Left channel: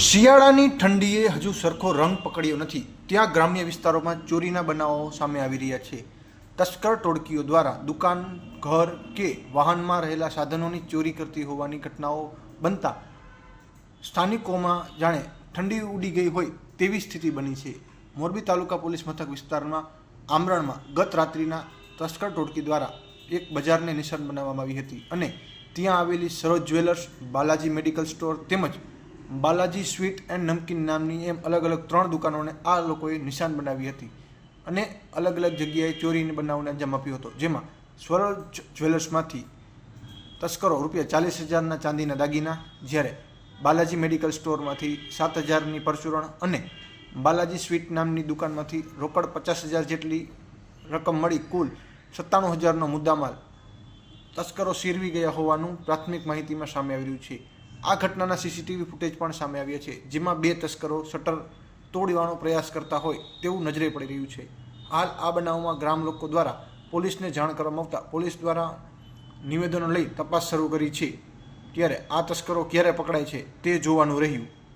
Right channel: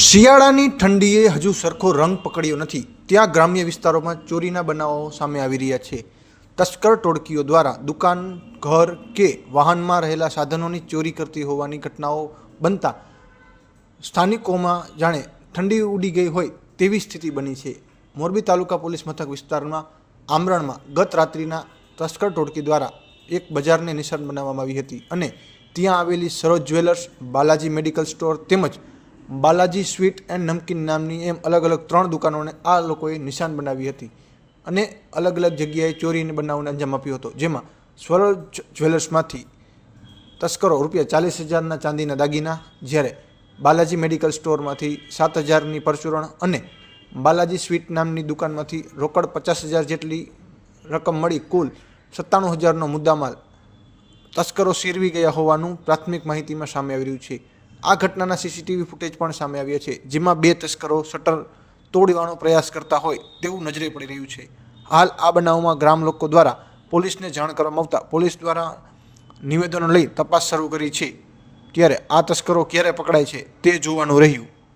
શિયાળાની ઠંડીએ હજુ સરખો રંગ પકડ્યો નથી, ત્યાં ગ્રામ્ય વિસ્તારોમાં ચોરીના બનાવો સામે આવી રહ્યા છે। તસ્કર ટોળકીઓ દ્વારા દુકાન, ઘર કે વાહનમાં રહેલા સાધનોની ચોરી કરતી હોવાની ઘટનાઓ બનતા સ્થાનિકોમાં જાણે ઠંડી ઉડી ગઈ હોય તેવી સ્થિતિ બની છે। મોરબી તાલુકા પોલીસ મથક વિસ્તારમાં આમરણમાં ગત રાત્રિના તસ્કર ટોળકી દ્વારા એક બજારને નિશાન બનાવવામાં આવી હતી અને ત્યાં આવેલી સરોજ જ્વેલર્સ, બાલાજી મેડિકલ સ્ટોર તેમજ બાલાજી સ્વીટ એન્ડ નમકીન નામની એમ અલગ અલગ 3 દુકાનોને આ લોકોએ નિશાન બનાવી હતી અને અલગ અલગ જગ્યાએ ચોરીની બનાવને અંજામ આપ્યો હતો। જેમાં સરોજ જ્વેલર્સમાંથી તસ્કરો ₹40,000ના ચાંદીના દાગીના, જ્યારે બાલાજી મેડિકલ સ્ટોરમાંથી 7,000ની પરચુરણ અને બાલાજી સ્વીટ નામની દુકાનમાંથી રોકડ 50,000 જેટલી રકમ મળી કુલ 97,000નો મુદ્દામાલ તસ્કરો શેરવી ગયા હોવાનું પ્રાથમિક માહિતીમાં સામે આવી રહ્યું છે। આ ઘટનાના સીસીટીવી ફૂટેજ પણ સામે આવ્યા છે, જેમાં 2 તસ્કરો શટર તોડવાનો પ્રયાસ કરતા હોય તેવું નજરે પડી રહ્યું છે। હાલ આ બનાવમાં ગ્રામ લોકો દ્વારા પોલીસને જાણ કરવામાં આવતા પોલીસ દ્વારા નિવેદનો લઈ તપાસ શરૂ કરી છે, ત્યારે આ તસ્કરો ક્યારે પકડાય છે તે જોવાનું રહ્યું।